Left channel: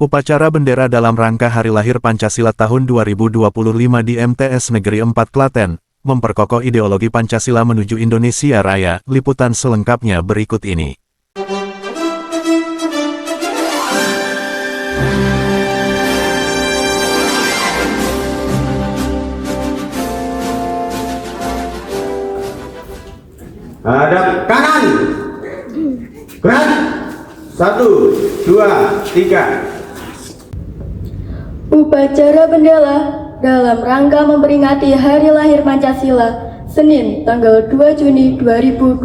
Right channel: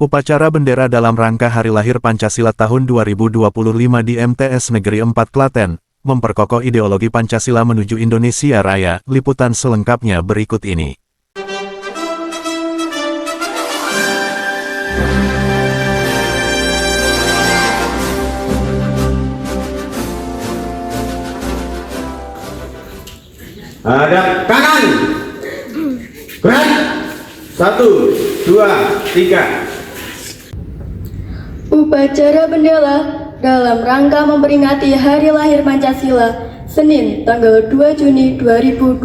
Upacara bendera dalam rangka Hari Lahir Pancasila tahun 2025 di MTS Negeri 4 Klaten, memperkokoh ideologi Pancasila menuju Indonesia Raya. Liputan selengkapnya berikut ini. Hadap kanan, gerak, 1, 2, 3. Upacara bendera dalam rangka memperingati Hari Lahir Pancasila, Senin, tanggal 2 Juni 2025,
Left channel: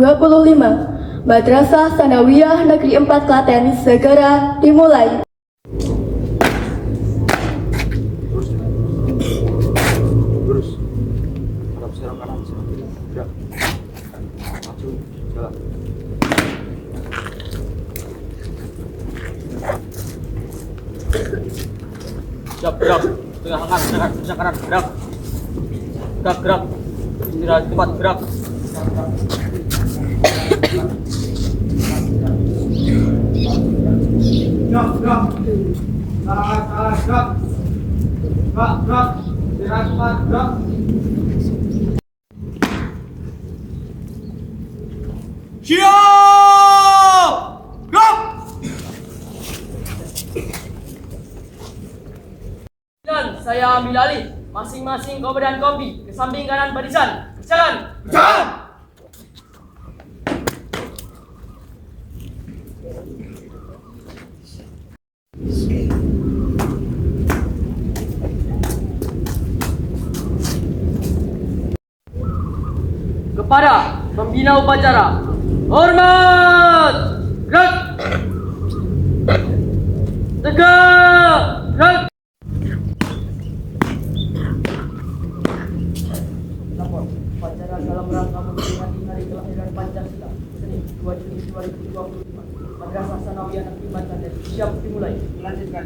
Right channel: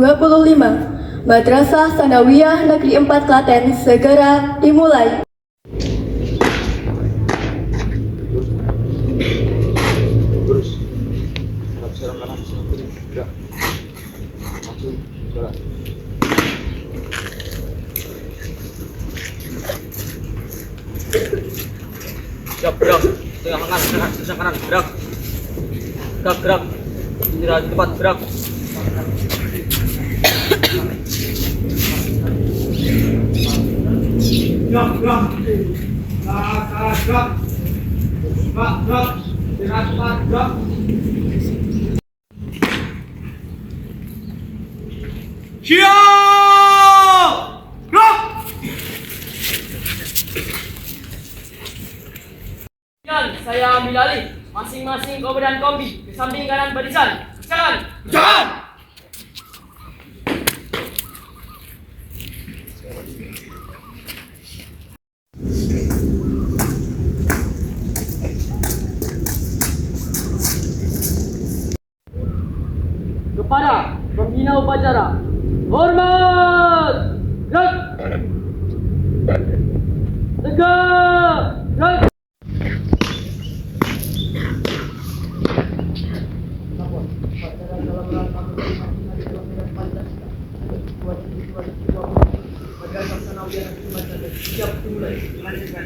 Madrasah Tsanawiyah Negeri 4 Klaten segera dimulai. Terus, serang kanan, serang kiri, gerak, maju, jalan. Siap, gerak, tengah kanan, tengah kanan, gerak, gerak, gerak, cepat, gerak. Gerak, cepat, gerak. Siap, gerak. Dan saya ambil alih. Masing-masing komandan kompi ke samping kanan barisan. Jalan. Jalan. Kepada pembina upacara, hormat. Gerak. Tegak. Gerak. Upacara dalam rangka memperingati Hari Kelahiran Pancasila, Senin 2 Juni 2020, Madrasah Tsanawiyah Negeri 4 Klaten. Siap dimulai. Lanjutkan.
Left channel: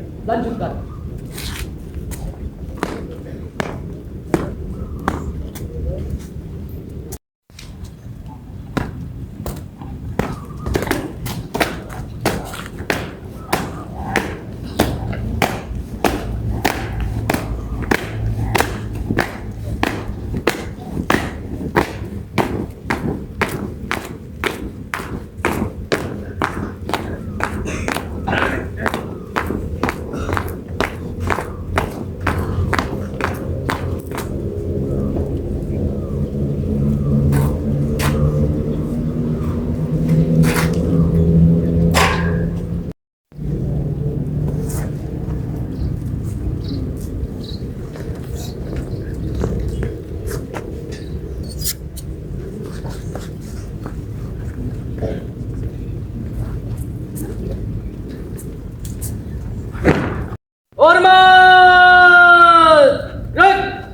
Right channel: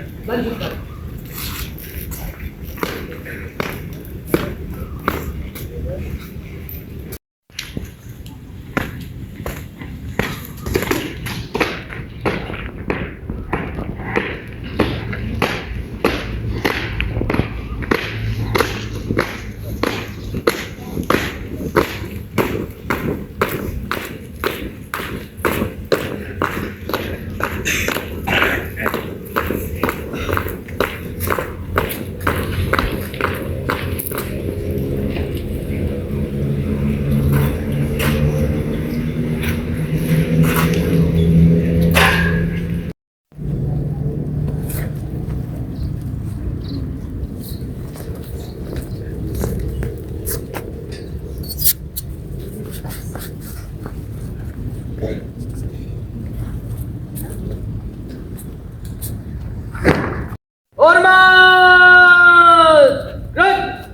Hormat! Gerak!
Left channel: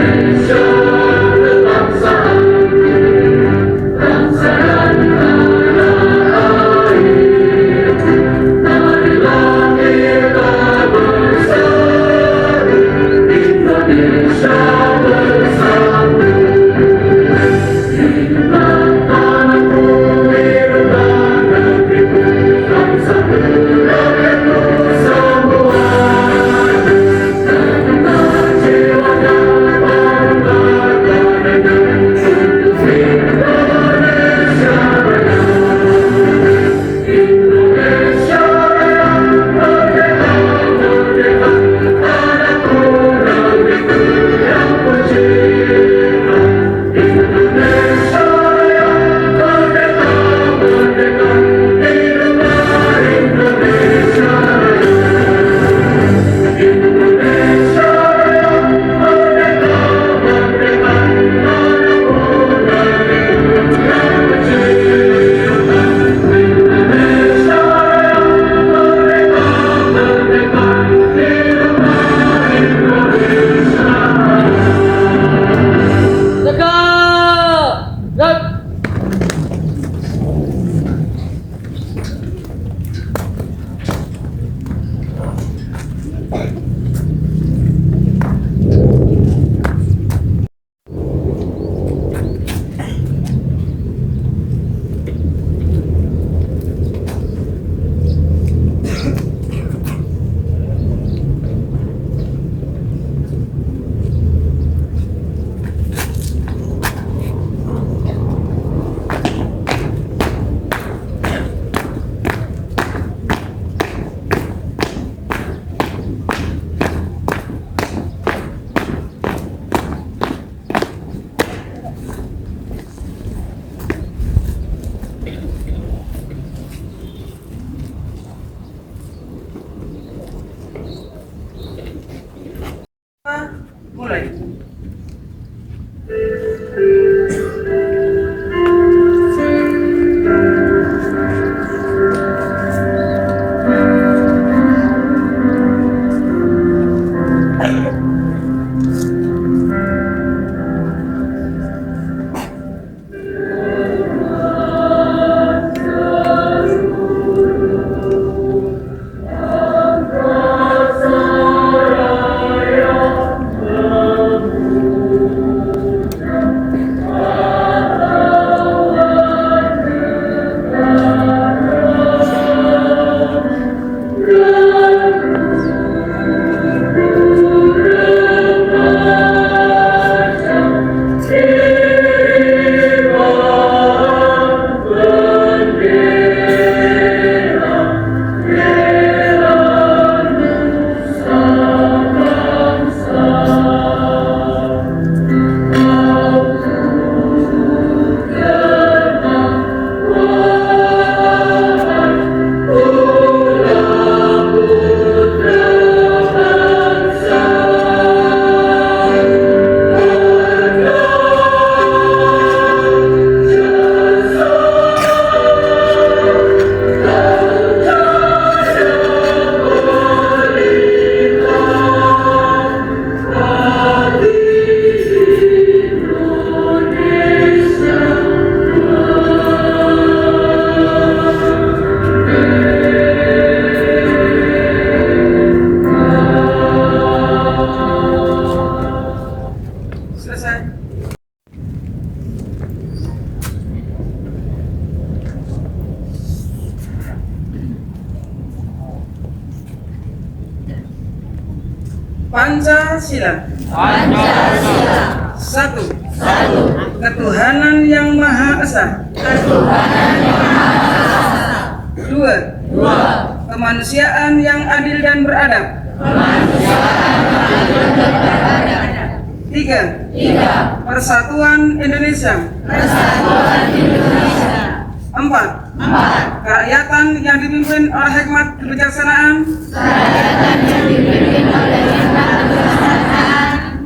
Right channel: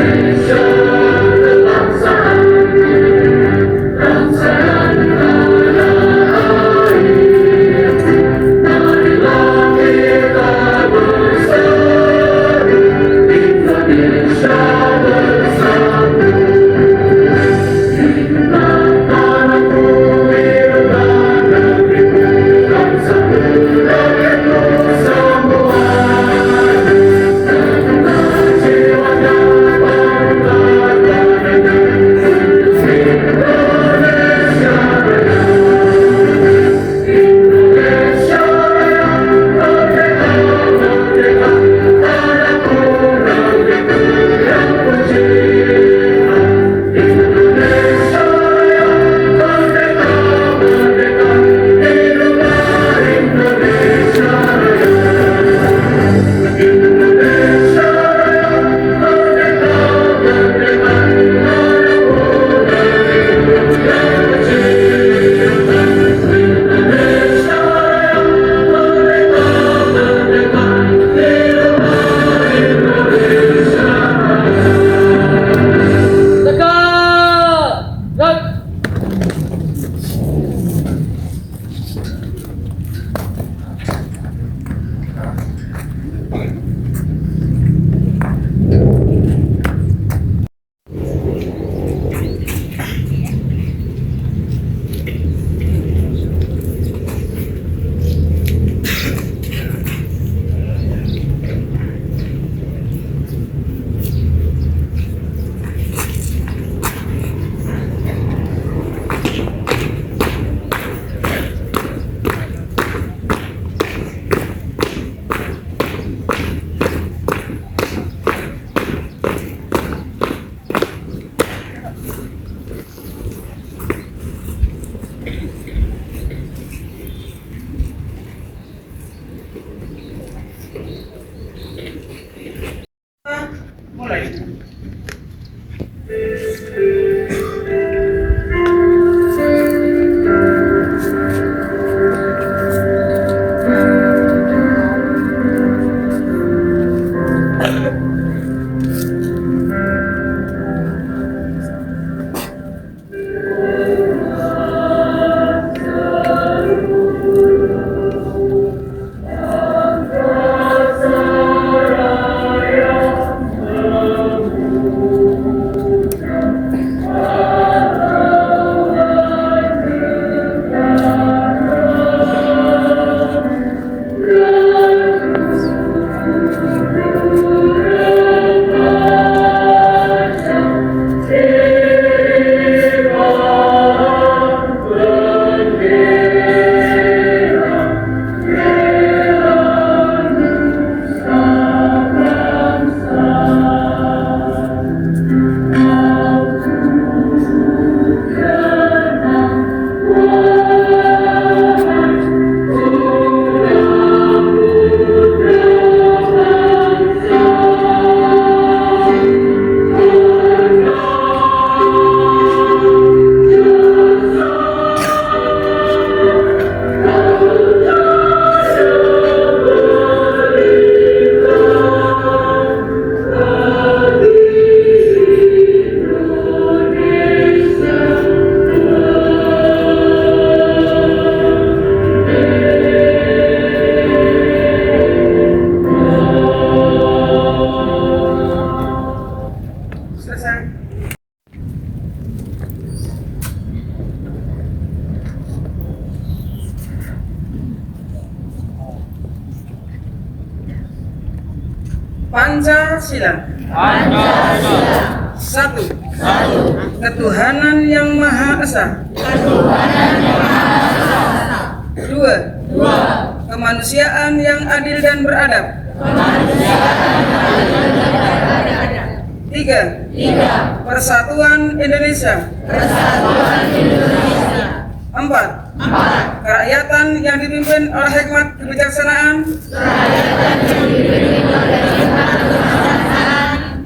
Indonesia dimulai. Pancasila. Satu. Ketuhanan yang Maha Esa. Dua. Kemanusiaan yang adil dan beradab. Tiga. Persatuan Indonesia. Empat. Kerakyatan yang dipimpin oleh hikmat kebijaksanaan.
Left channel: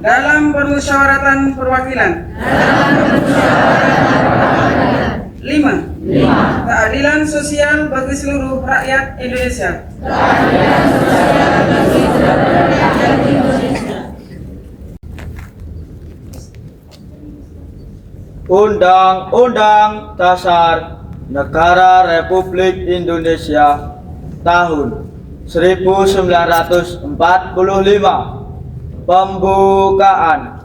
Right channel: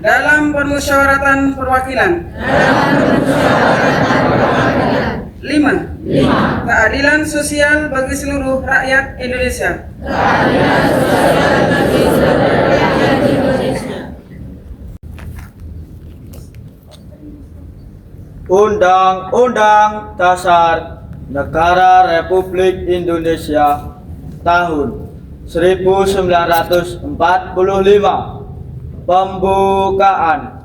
Dalam permusyawaratan perwakilan. 5. Keadilan sosial bagi seluruh rakyat Indonesia. Undang-Undang Dasar Negara Republik Indonesia tahun 1945 pembukaan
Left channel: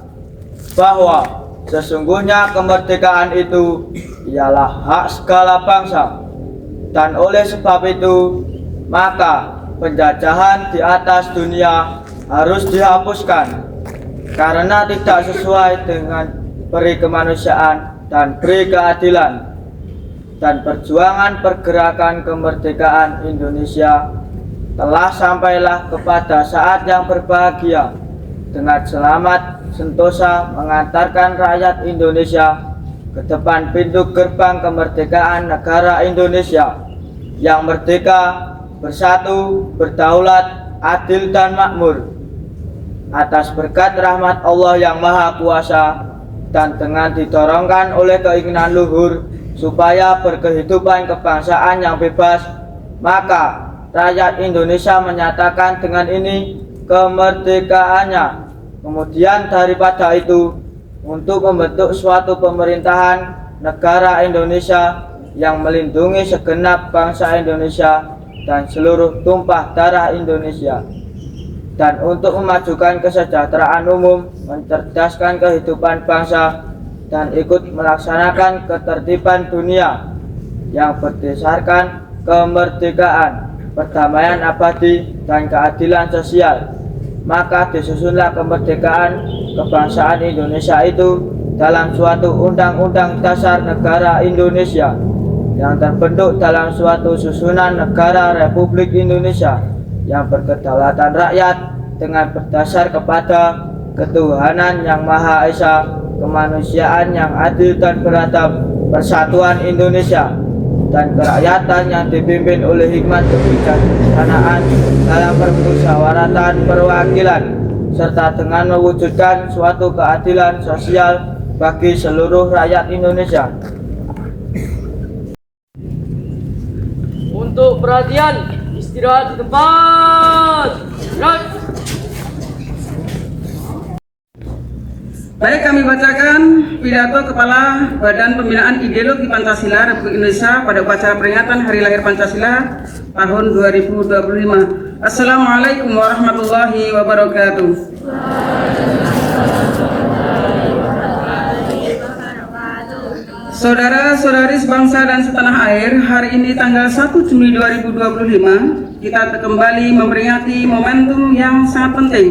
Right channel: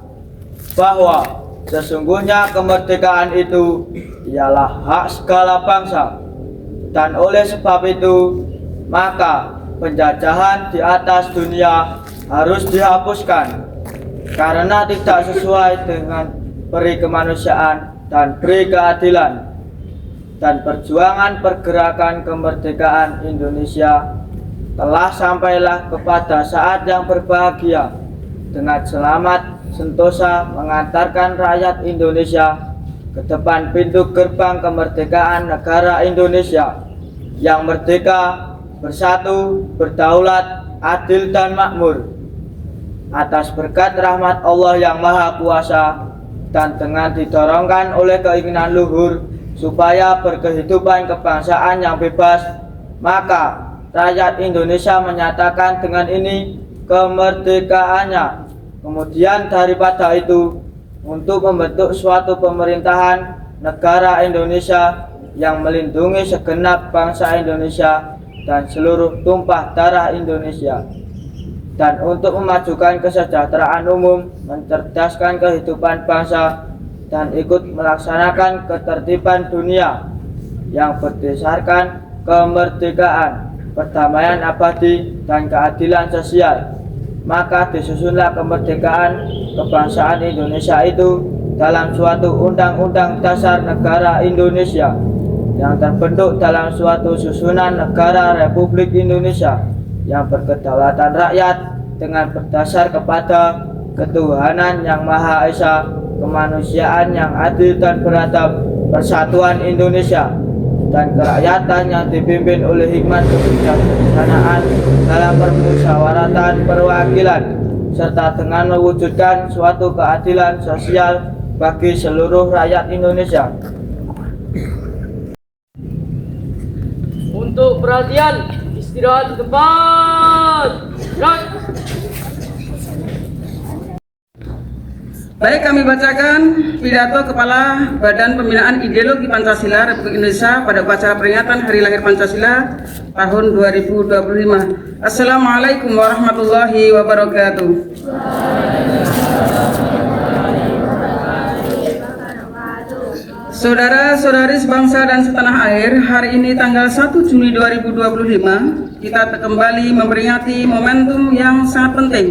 bahwa sesungguhnya kemerdekaan itu ialah hak segala bangsa, dan oleh sebab itu maka penjajahan di atas dunia harus dihapuskan karena tidak sesuai dengan peri kemanusiaan dan peri keadilan. Dan perjuangan pergerakan kemerdekaan Indonesia telah sampailah kepada saat yang berbahagia dengan selamat sentosa mengantarkan rakyat Indonesia ke depan pintu gerbang kemerdekaan negara Indonesia yang merdeka, bersatu, berdaulat, adil dan makmur. Atas berkat rahmat Allah yang Maha Kuasa dan dengan didorongkan oleh keinginan luhur supaya berkehidupan kebangsaan yang bebas, maka rakyat Indonesia menyatakan dengan ini kemerdekaannya. Kemudian daripada itu, untuk membentuk suatu pemerintahan negara Indonesia yang melindungi segenap bangsa Indonesia dan seluruh tumpah darah Indonesia, dan untuk memajukan kesejahteraan umum, mencerdaskan kehidupan bangsa, dan ikut melaksanakan ketertiban dunia yang berdasarkan kemerdekaan, perdamaian abadi, dan keadilan sosial. Maka disusunlah kemerdekaan kebangsaan Indonesia itu dalam suatu undang-undang dasar negara Indonesia yang terbentuk dalam suatu susunan negara Republik Indonesia yang berkedaulatan rakyat dengan berdasar kepada ketuhanan yang Maha Esa, kemanusiaan yang adil dan beradab, persatuan Indonesia, dan kerakyatan yang dipimpin oleh hikmat kebijaksanaan dalam permusyawaratan perwakilan. serta dengan mewujudkan suatu keadilan sosial bagi seluruh rakyat Indonesia. Untuk perhatian, istirahat di tempat. Gerak. Baik, kami bacakan pidato Kepala Badan Pembinaan Ideologi Pancasila Republik Indonesia pada upacara peringatan Hari Lahir Pancasila tahun 2025. Assalamualaikum warahmatullahi wabarakatuh. Saudara-saudari sebangsa dan setanah air, hari ini tanggal 1 Juli 2025, kita kembali memperingati momentum yang sangat penting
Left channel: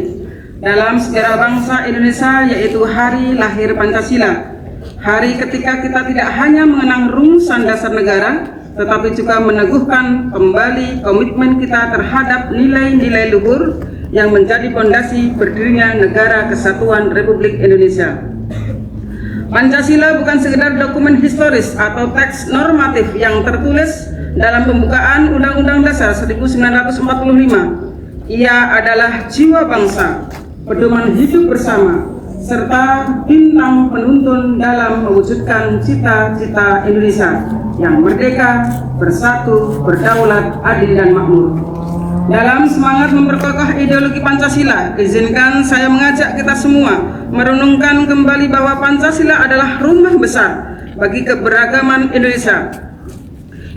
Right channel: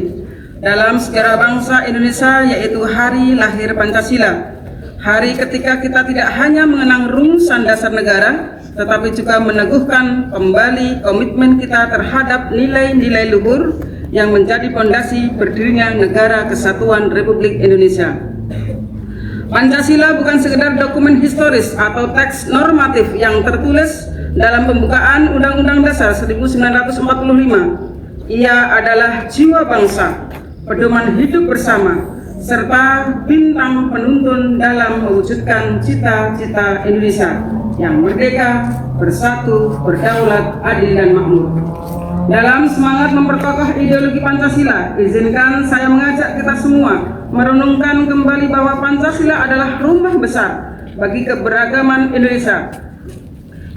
dalam sejarah bangsa Indonesia, yaitu Hari Lahir Pancasila. Hari ketika kita tidak hanya mengenang rumusan dasar negara, tetapi juga meneguhkan kembali komitmen kita terhadap nilai-nilai luhur yang menjadi fondasi berdirinya Negara Kesatuan Republik Indonesia. Pancasila bukan sekedar dokumen historis atau teks normatif yang tertulis dalam pembukaan Undang-Undang Dasar 1945. Ia adalah jiwa bangsa, pedoman hidup bersama, serta bintang penuntun dalam mewujudkan cita-cita Indonesia yang merdeka, bersatu, berdaulat, adil, dan makmur. Dalam semangat memperkokoh ideologi Pancasila, izinkan saya mengajak kita semua merenungkan kembali bahwa Pancasila adalah rumah besar bagi keberagaman Indonesia.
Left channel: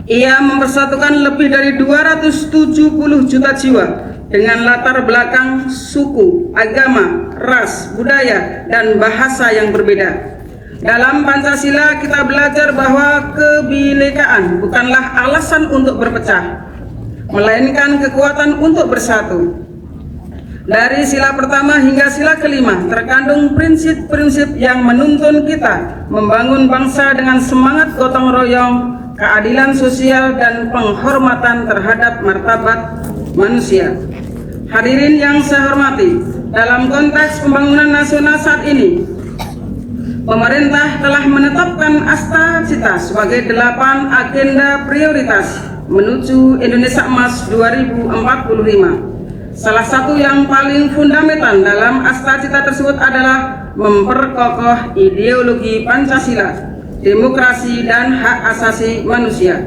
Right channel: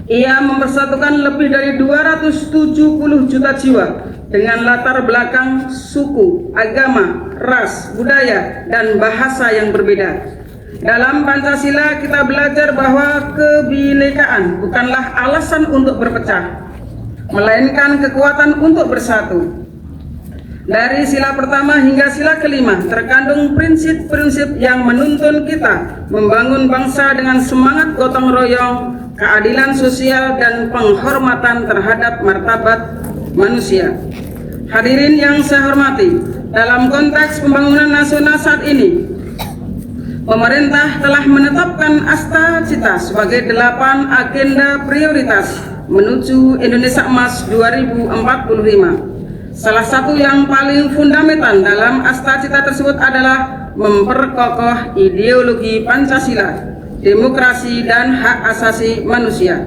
Ia mempersatukan lebih dari 270 juta jiwa dengan latar belakang suku, agama, ras, budaya, dan bahasa yang berbeda. Dalam Pancasila kita belajar bahwa kebinekaan bukanlah alasan untuk berpecah, melainkan kekuatan untuk bersatu. Dari sila pertama hingga sila kelima terkandung prinsip-prinsip yang menuntun kita membangun bangsa dengan semangat gotong royong, keadilan sosial, dan penghormatan terhadap martabat manusia. Hadirin yang saya hormati, dalam konteks pembangunan nasional saat ini, pemerintah telah menetapkan Asta-Cita sebagai 8 agenda prioritas menuju Indonesia Emas 2045. Salah satu yang paling fundamental dalam Asta-Cita tersebut adalah memperkokoh ideologi Pancasila, demokrasi, dan hak asasi manusia.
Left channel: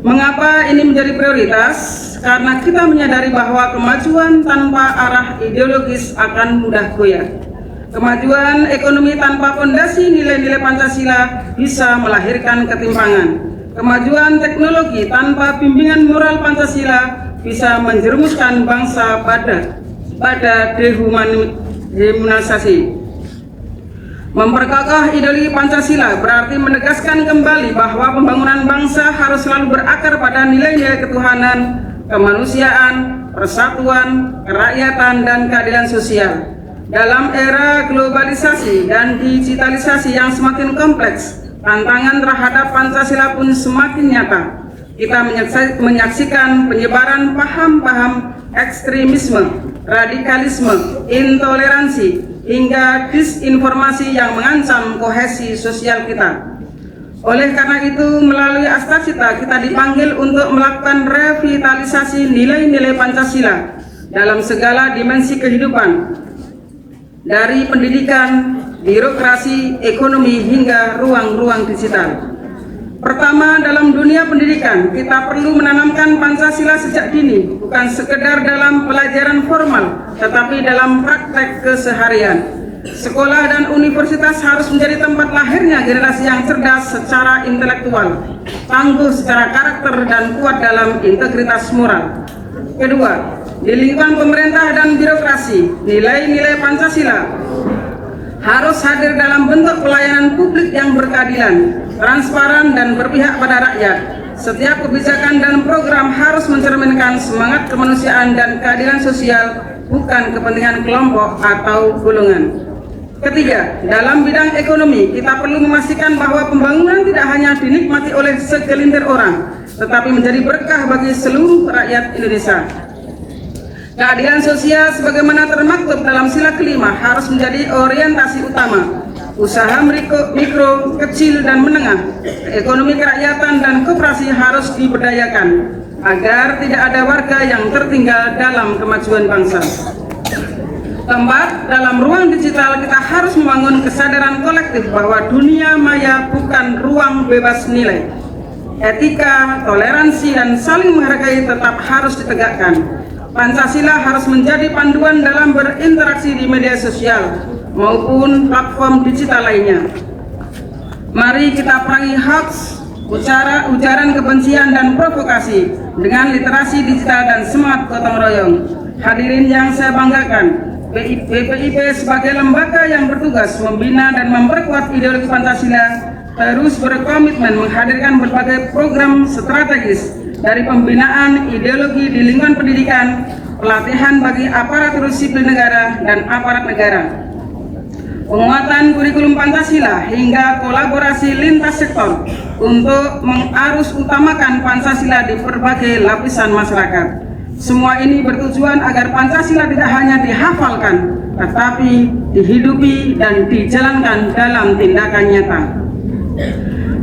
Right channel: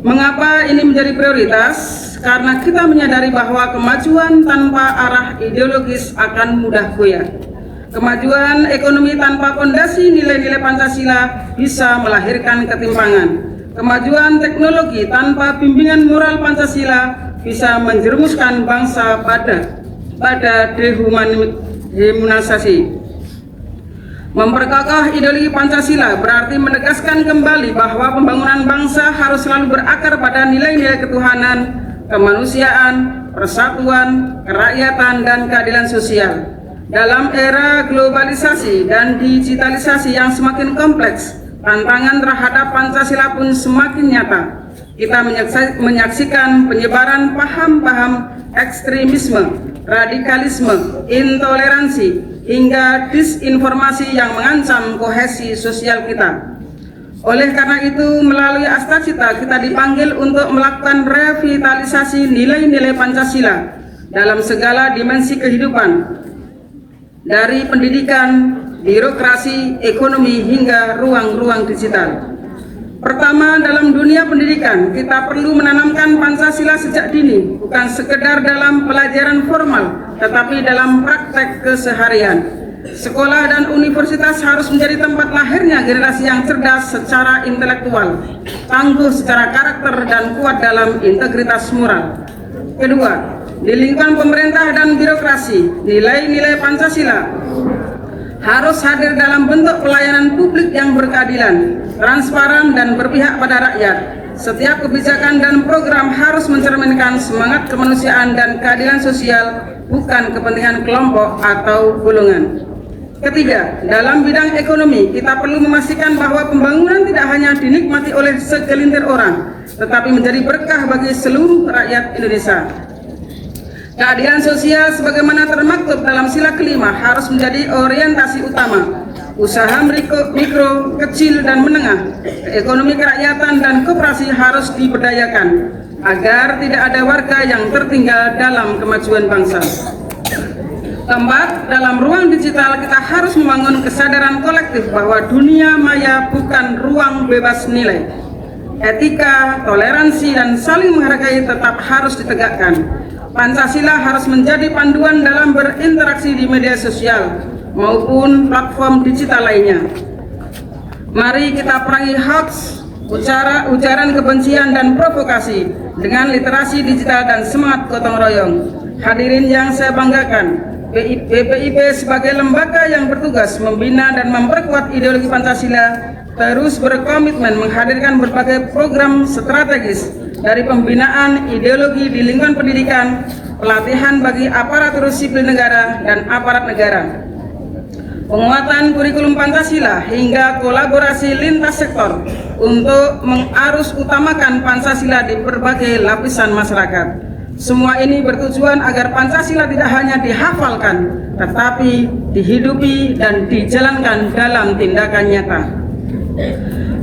Mengapa ini menjadi prioritas? Karena kita menyadari bahwa kemajuan tanpa arah ideologis akan mudah goyah. Kemajuan ekonomi tanpa fondasi nilai-nilai Pancasila bisa melahirkan ketimpangan. Kemajuan teknologi tanpa bimbingan moral Pancasila bisa menjerumuskan bangsa pada dehumanisasi. Memperkokoh ideologi Pancasila berarti menegaskan kembali bahwa pembangunan bangsa harus selalu berakar pada nilai-nilai ketuhanan, kemanusiaan, persatuan, kerakyatan, dan keadilan sosial. Dalam era globalisasi dan digitalisasi yang semakin kompleks, tantangan terhadap Pancasila pun semakin nyata. Kita menyaksikan penyebaran paham-paham ekstremisme, radikalisme, intoleransi, hingga disinformasi yang mengancam kohesi sosial kita. Oleh karena itu, melalui Asta-Cita kita dipanggil untuk melakukan revitalisasi nilai-nilai Pancasila dalam segala dimensi kehidupan, dari pendidikan, birokrasi, ekonomi, hingga ruang-ruang digital. Pertama, dalam dunia pendidikan, kita perlu menanamkan Pancasila sejak dini, bukan sekedar dalam pelajaran formal, tetapi dalam praktek keseharian. Sekolah dan universitas harus menjadi tempat lahirnya generasi yang cerdas secara intelektual, tangguh secara karakter, dan kuat dalam integritas moral. Kedua, di lingkungan pemerintah dan birokrasi, nilai-nilai Pancasila harus hadir dalam bentuk pelayanan publik yang berkeadilan, transparan, dan berpihak pada rakyat. Setiap kebijakan dan program harus mencerminkan semangat kemanusiaan dan keadilan sosial, bukan kepentingan kelompok atau golongan. Ketiga, dalam bidang ekonomi, kita perlu memastikan bahwa pembangunan tidak hanya dinikmati oleh segelintir orang, tetapi menjadi berkah bagi seluruh rakyat Indonesia. Keadilan sosial sebagaimana termaktub dalam sila kelima harus menjadi orientasi utama. Usaha mikro, kecil, dan menengah, ekonomi kerakyatan, dan koperasi harus diberdayakan agar tidak ada warga yang tertinggal dalam kemajuan bangsa. Keempat, dalam ruang digital kita harus membangun kesadaran kolektif bahwa dunia maya bukan ruang bebas nilai. Etika, toleransi, dan saling menghargai tetap harus ditegakkan. Pancasila harus menjadi panduan dalam berinteraksi di media sosial maupun platform digital lainnya. Mari kita perangi hoax, ujaran kebencian dan provokasi dengan literasi digital dan semangat gotong royong. Hadirin yang saya banggakan, BPIP sebagai lembaga yang bertugas membina dan memperkuat ideologi Pancasila terus berkomitmen menghadirkan berbagai program strategis dari pembinaan ideologi di lingkungan pendidikan, pelatihan bagi aparatur sipil negara dan aparat negara, penguatan kurikulum Pancasila hingga kolaborasi lintas sektor untuk mengarus utamakan Pancasila di berbagai lapisan masyarakat. Semua ini bertujuan agar Pancasila tidak hanya dihafalkan, tetapi dihidupi dan dijalankan dalam tindakan nyata.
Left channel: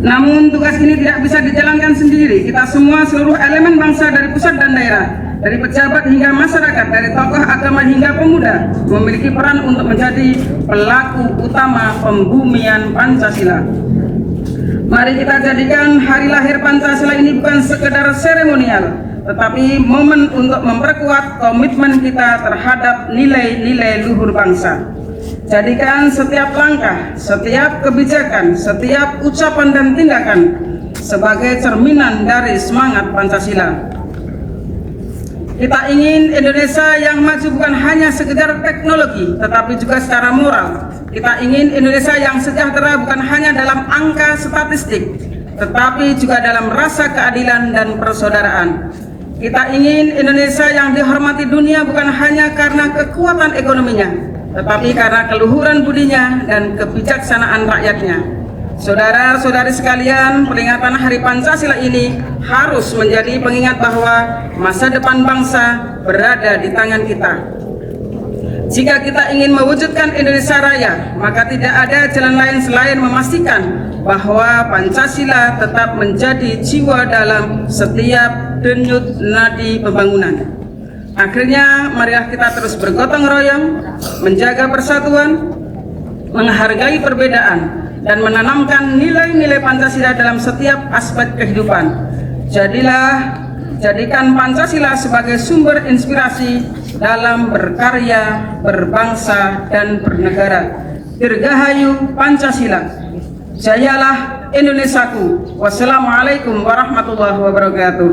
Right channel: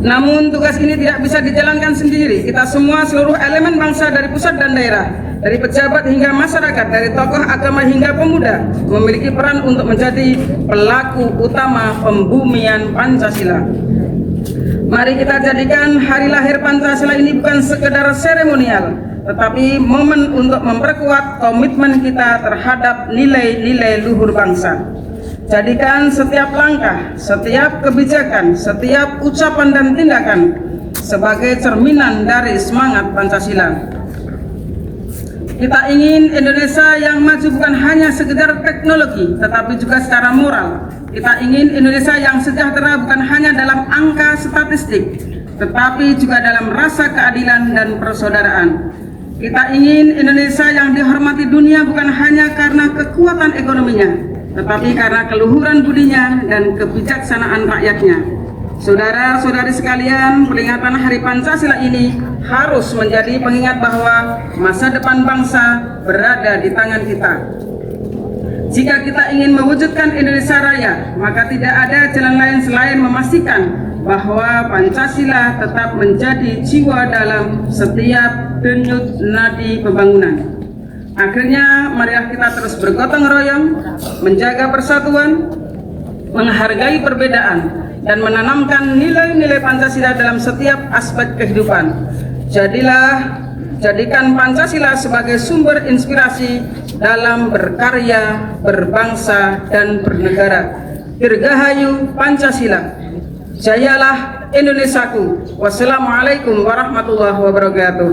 Namun tugas ini tidak bisa dijalankan sendiri. Kita semua, seluruh elemen bangsa dari pusat dan daerah, dari pejabat hingga masyarakat, dari tokoh agama hingga pemuda, memiliki peran untuk menjadi pelaku utama pembumian Pancasila. Mari kita jadikan hari lahir Pancasila ini bukan sekedar seremonial, tetapi momen untuk memperkuat komitmen kita terhadap nilai-nilai luhur bangsa. Jadikan setiap langkah, setiap kebijakan, setiap ucapan dan tindakan sebagai cerminan dari semangat Pancasila. Kita ingin Indonesia yang maju bukan hanya sekedar teknologi, tetapi juga secara moral. Kita ingin Indonesia yang sejahtera bukan hanya dalam angka statistik, tetapi juga dalam rasa keadilan dan persaudaraan. Kita ingin Indonesia yang dihormati dunia bukan hanya karena kekuatan ekonominya, tetapi karena keluhuran budinya dan kebijaksanaan rakyatnya. Saudara-saudari sekalian, peringatan Hari Pancasila ini harus menjadi pengingat bahwa masa depan bangsa berada di tangan kita. Jika kita ingin mewujudkan Indonesia Raya, maka tidak ada jalan lain selain memastikan bahwa Pancasila tetap menjadi jiwa dalam setiap denyut nadi pembangunan. Akhirnya, marilah kita terus bergotong royong, menjaga persatuan, menghargai perbedaan, dan menanamkan nilai-nilai Pancasila dalam setiap aspek kehidupan. Jadikan Pancasila sebagai sumber inspirasi dalam berkarya, berbangsa, dan bernegara. Dirgahayu Pancasila. Jayalah Indonesiaku. Wassalamualaikum warahmatullahi wabarakatuh.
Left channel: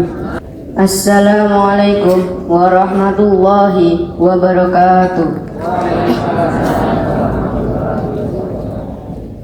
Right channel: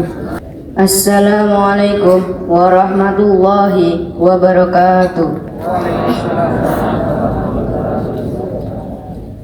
Assalamualaikum warahmatullahi wabarakatuh.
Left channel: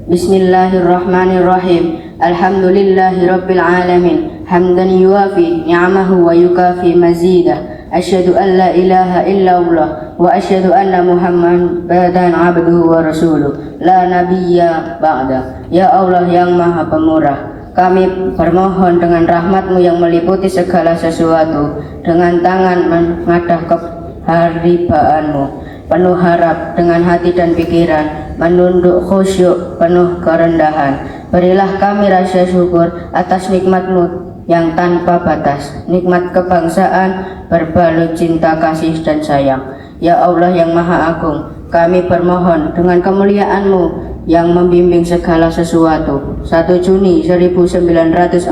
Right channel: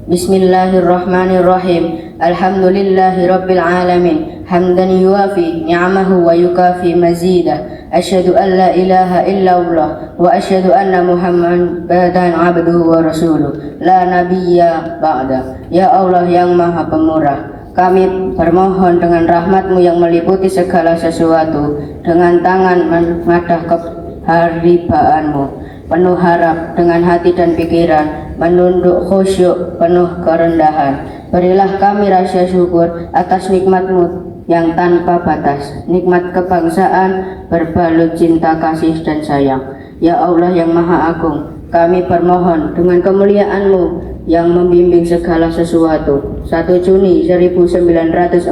Bismillahirrahmanirrahim. Alhamdulillahi rabbil alamin. Hamdan yuwafi ni'amahu wa yukafi mazidah. Asyhadu an la ilaha illallah wa asyhadu anna Muhammadan abduhu wa rasuluh. La nabiyya ba'da. Ya Allah yang Maha Pemurah, kami bermohon dengan rahmat-Mu yang meliputi segala sesuatu, dengan tangan mengadah keharibaanmu, penuh harap dengan hati dan pikiran, menunduk khusyuk penuh kerendahan. Berilah kami rasa syukur atas nikmat-Mu yang tanpa batas, nikmat kebangsaan berbalut cinta kasih dan sayang. Ya Allah yang Maha Agung, kami bermohon dengan kemuliaan-Mu yang membimbing segala sesuatu. 1 Juni 1945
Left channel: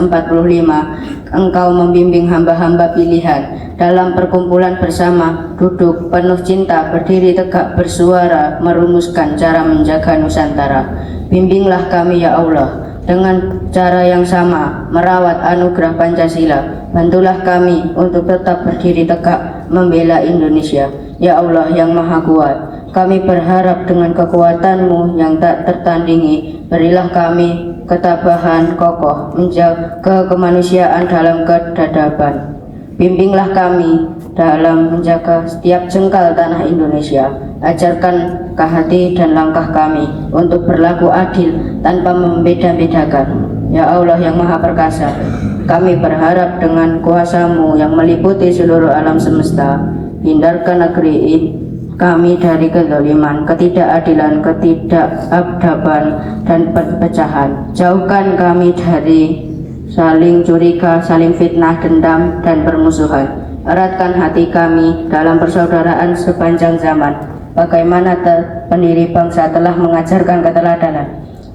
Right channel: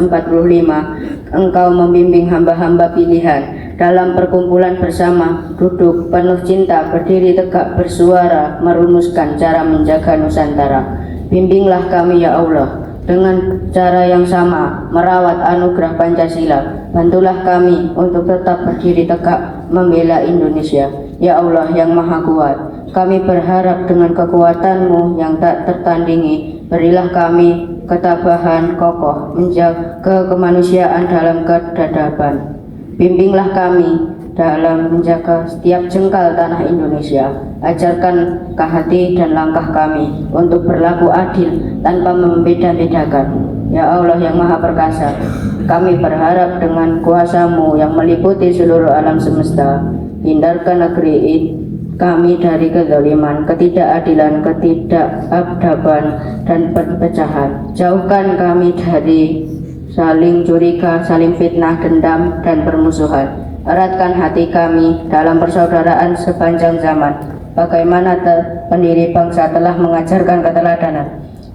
Engkau membimbing hamba-hamba pilihan dalam perkumpulan bersama, duduk penuh cinta, berdiri tegak, bersuara, merumuskan cara menjaga Nusantara. Bimbinglah kami ya Allah dengan cara yang sama merawat anugerah Pancasila. Bantulah kami untuk tetap berdiri tegak membela Indonesia. Ya Allah yang Maha Kuat, kami berharap dengan kekuatan-Mu yang tak tertandingi, berilah kami ketabahan kokoh menjaga kemanusiaan dalam kedadapan. Bimbinglah kami dalam menjaga setiap jengkal tanah Indonesia. Ajarkan hati dan langkah kami untuk berlaku adil tanpa membeda-bedakan. Ya Allah yang Maha Perkasa, kami berharap dengan kuasa-Mu yang meliputi seluruh alam semesta, hindarkan negeri kami dari kezaliman, ketidakadilan, ketidakadaban, dan perpecahan. Jauhkan kami dari saling curiga, saling fitnah, dendam, dan permusuhan. Eratkan hati kami dalam persaudaraan sepanjang zaman. bagaimana pendiri bangsa telah mengajarkan keteladanan.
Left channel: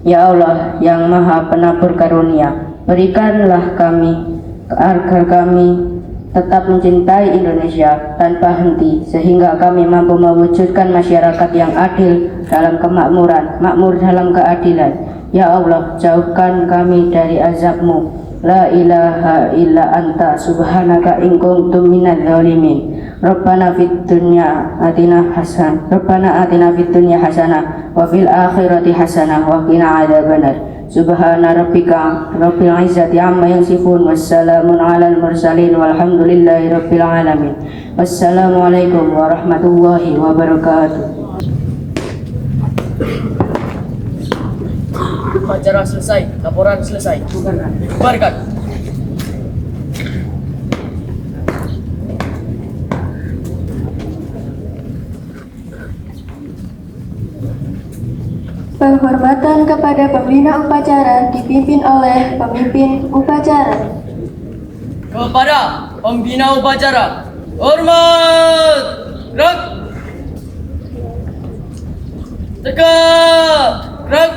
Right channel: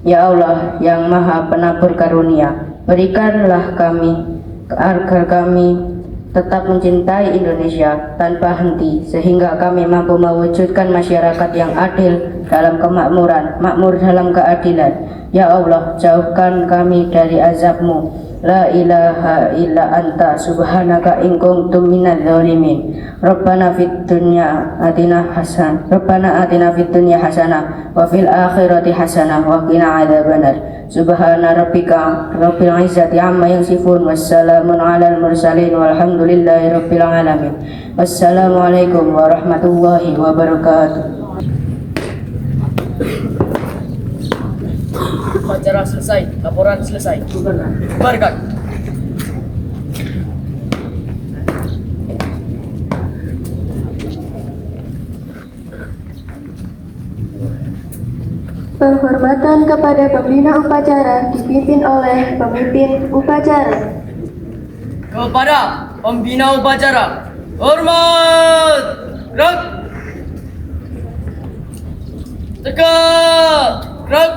Ya Allah yang Maha Penabur Karunia, berikanlah kami agar kami tetap mencintai Indonesia tanpa henti, sehingga kami mampu mewujudkan masyarakat yang adil dalam kemakmuran, makmur dalam keadilan. Ya Allah, jauhkan kami dari azab-Mu. La ilaha illa anta subhanaka in kuntum minadz zalimin. Rabbana fid dunya atina hasanah. Rabbana atina fid dunya hasanah wa fil akhirati hasanah wa qina adzabannar. Subhana rabbika rabbil izzati amma yasifun wassalamun alal mursalin walhamdulillahi rabbil alamin. Wassalamualaikum warahmatullahi wabarakatuh. Upacara selesai, laporan selesai. Bubarkan. Penghormatan kepada pembina upacara dipimpin oleh pemimpin upacara. Kepada pembina upacara, hormat, gerak, tegak, gerak.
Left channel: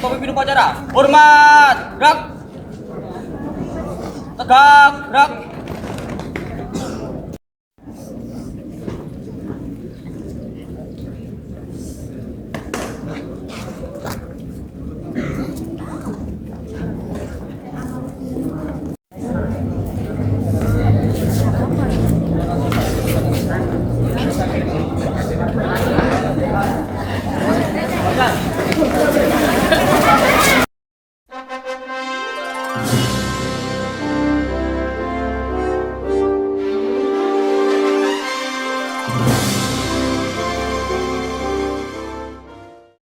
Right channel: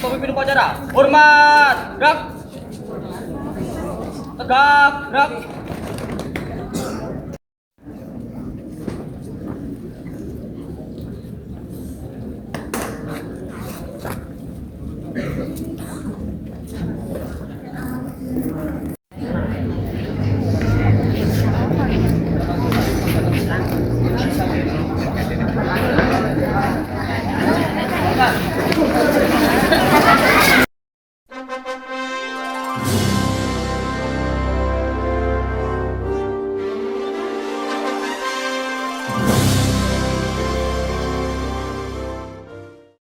Pemimpin upacara, hormat, gerak, tegak, gerak.